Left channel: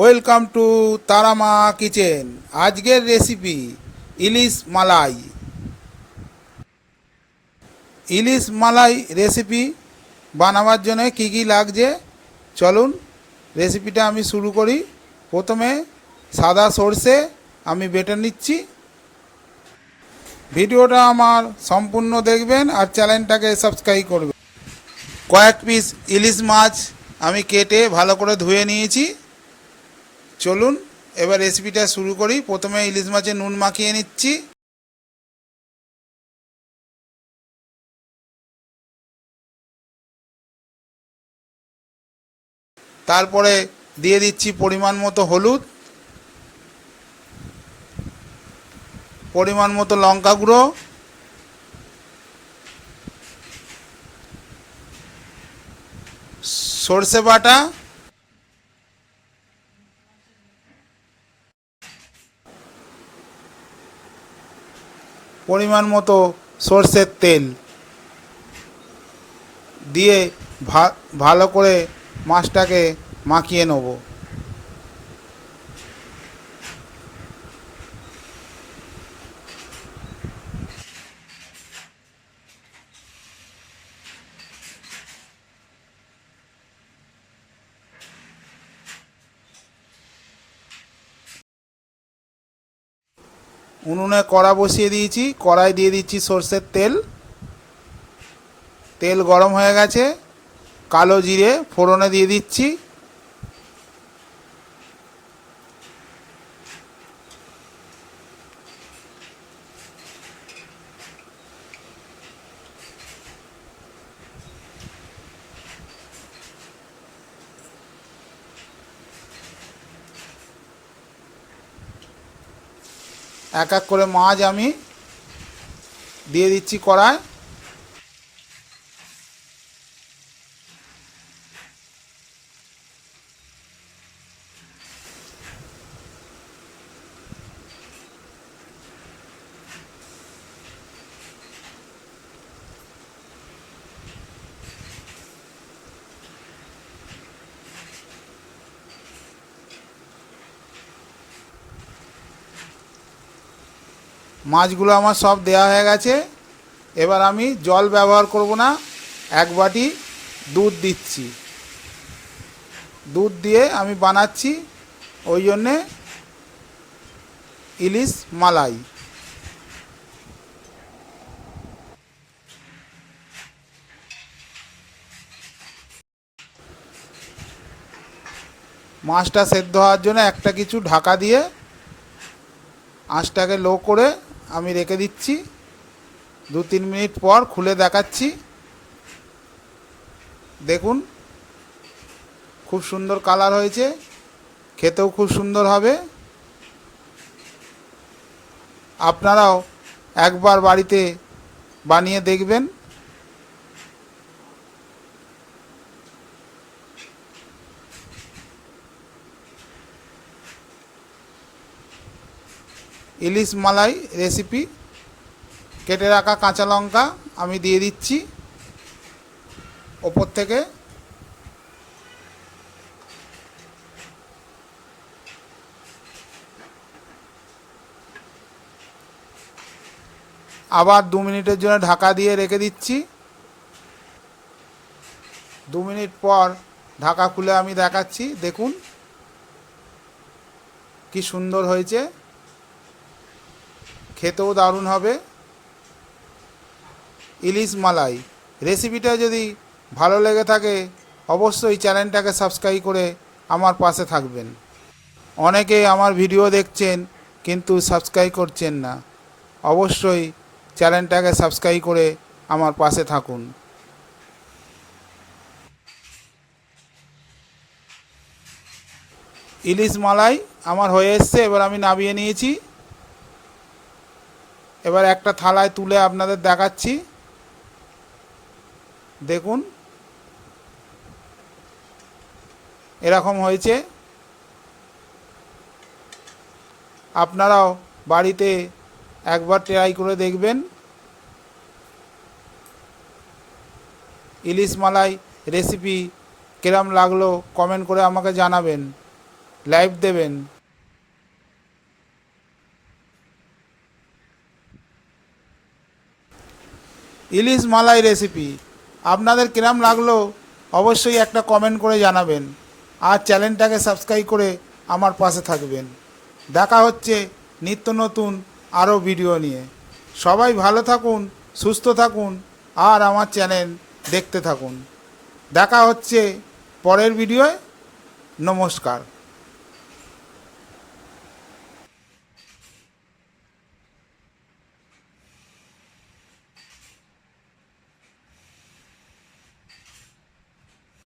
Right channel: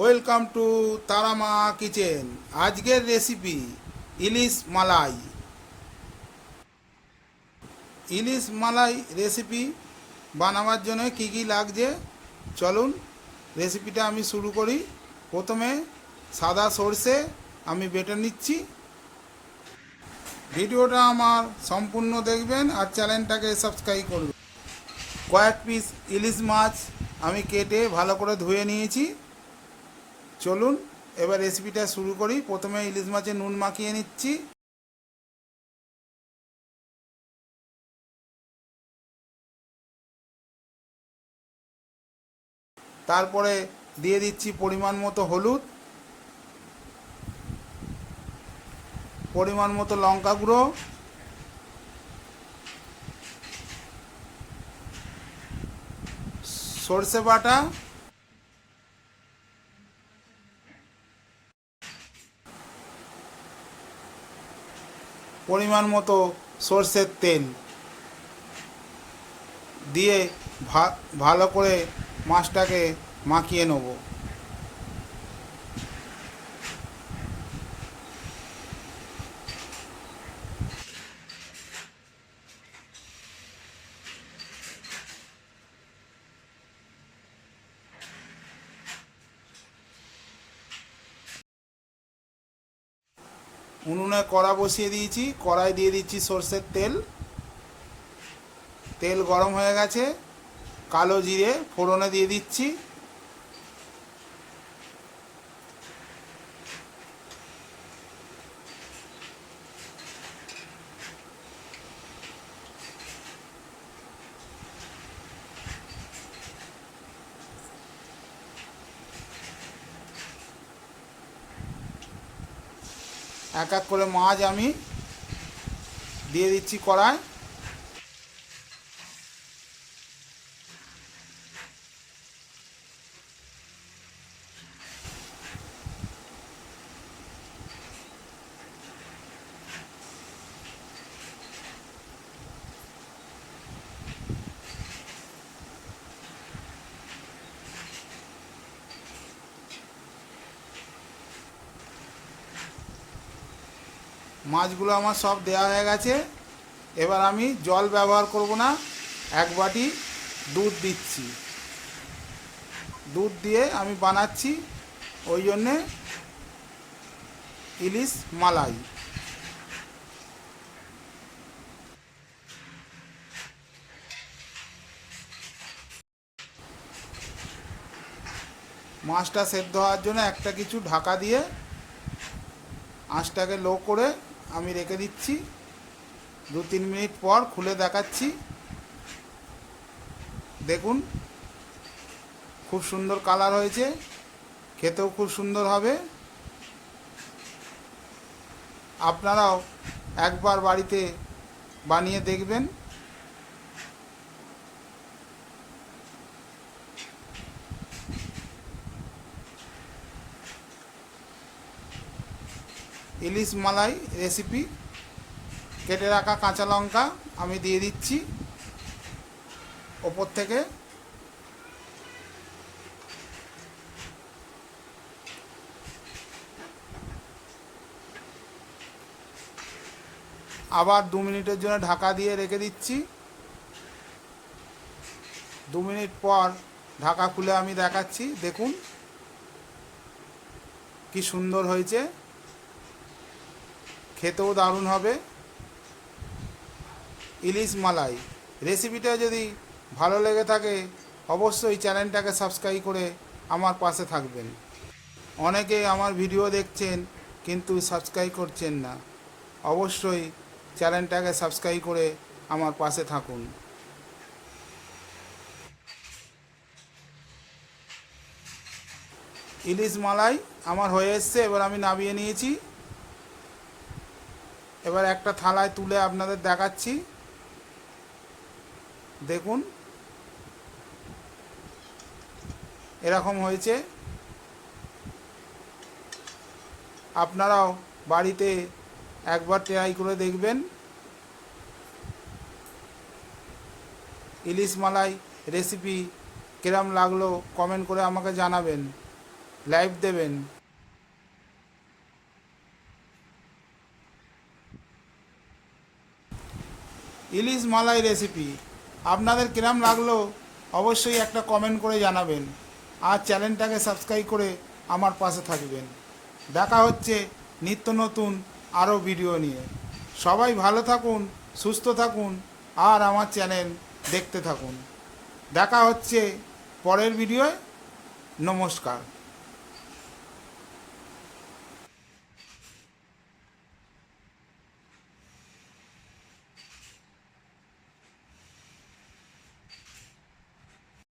Welcome to Tara Maa kitchen. আজকের recipe ইলিশ মালাই। ইলিশ মালাই recipe বানাবার জন্য কী কী লাগছে চলুন রেসিপিটা আমি শুরু করি। প্রথমে সাদা সর্ষে আমি বেটে নিচ্ছি। ভিডিওটা আমার সম্পূর্ণ দেখবেন আর চ্যানেলটাকে সাবস্ক্রাইব করবেন। কয়েক পিস ইলিশ মাছ আমি কেটে ভালো করে ধুয়ে নিয়েছি। চলুন এবার রেসিপিটা শুরু করি। প্রথমে ইলিশ মাছে নুন মাখিয়ে নিচ্ছি। তারপরে দিয়ে দিচ্ছি পরিমাণ মতো হলুদ, পরিমাণ মতো লঙ্কা গুঁড়ো, সর্ষে বাটা, পরিমাণ মতো সর্ষের তেল দিয়ে ভালো করে মাছটাকে মাখিয়ে নেব। উনুনে কড়া বসিয়ে দিয়েছি, কড়াই দিয়ে দিচ্ছি সর্ষের তেল। তেল গরম হয়ে গেছে, কালো জিরে ফোড়নে দিয়ে দিচ্ছি। এক এক করে মাছ আমি দিয়ে দিচ্ছি কড়ায়। মাছগুলো আমার সব দেয়া হয়ে গেছে। এবার আমি জল ব্যবহার করব না, এক বাটি দুধ দিচ্ছি। দুধ দিয়ে আমি বানাচ্ছি, ওই জন্যে ইলিশ মালাই। মাছটা সেদ্ধ হওয়ার জন্য একটা কিছু ঢাকা দিয়ে আঁচটাকে লো করে আমি রেখে দিচ্ছি। 2-3 মিনিট পর খুলে দেখাচ্ছি। দেখুন খুব সুন্দর কালার হয়েছে, খেতেও খুব সুন্দর হবে। আপনারাও একবার বাড়িতে বানিয়ে দেখবেন। ইলিশ মালাই রেসিপি। কেটে রাখা কাঁচা লঙ্কা আমি দিয়ে দিচ্ছি ওপর থেকে। আবার 2 মিনিটের জন্য ঢাকা দিয়ে রেখে দিচ্ছি। 2 মিনিট পর ঢাকা খুলে আমি দেখাচ্ছি। দেখুন কি সুন্দর হয়েছে, খেতেও দারুণ হবে। ইলিশ মালাই রেসিপিটা যদি ভালো লেগে থাকে অবশ্যই চ্যানেলটাকে সাবস্ক্রাইব করে আমার পাশে থাকবেন। অনেকে আমার ভিডিও দেখছেন কিন্তু সাবস্ক্রাইব করছেন না। অবশ্যই চ্যানেলটাকে সাবস্ক্রাইব করে আমার পাশে থাকুন। ইলিশ মালাই আমার হয়ে এসছে, এবার আমি নামিয়ে নিয়েছি। এবার একটা থালায় তুলে আপনাদের দেখাচ্ছি। দেখুন এরকম হয়েছে। আপনারাও বাড়িতে একবার ট্রাই করে দেখবেন। ইলিশ মালাই রেসিপি কিরম লাগলো কমেন্ট করে আমাকে জানাবেন। লাইভ দেবেন। ইলিশ মালাই রেসিপি আপনাদের কিরম লাগলো অবশ্যই একটা কমেন্ট করে জানাবেন, আর চ্যানেলটাকে সাবস্ক্রাইব করে আমার পাশে থাকবেন। দেখা হচ্ছে নিত্য নতুন আরও ভিডিও নিয়ে। সবাই ভালো থাকুন, সুস্থ থাকুন, আর আমার চ্যানেল দেখতে থাকুন। দেখা হচ্ছে পরের ভিডিওয়। নমস্কার।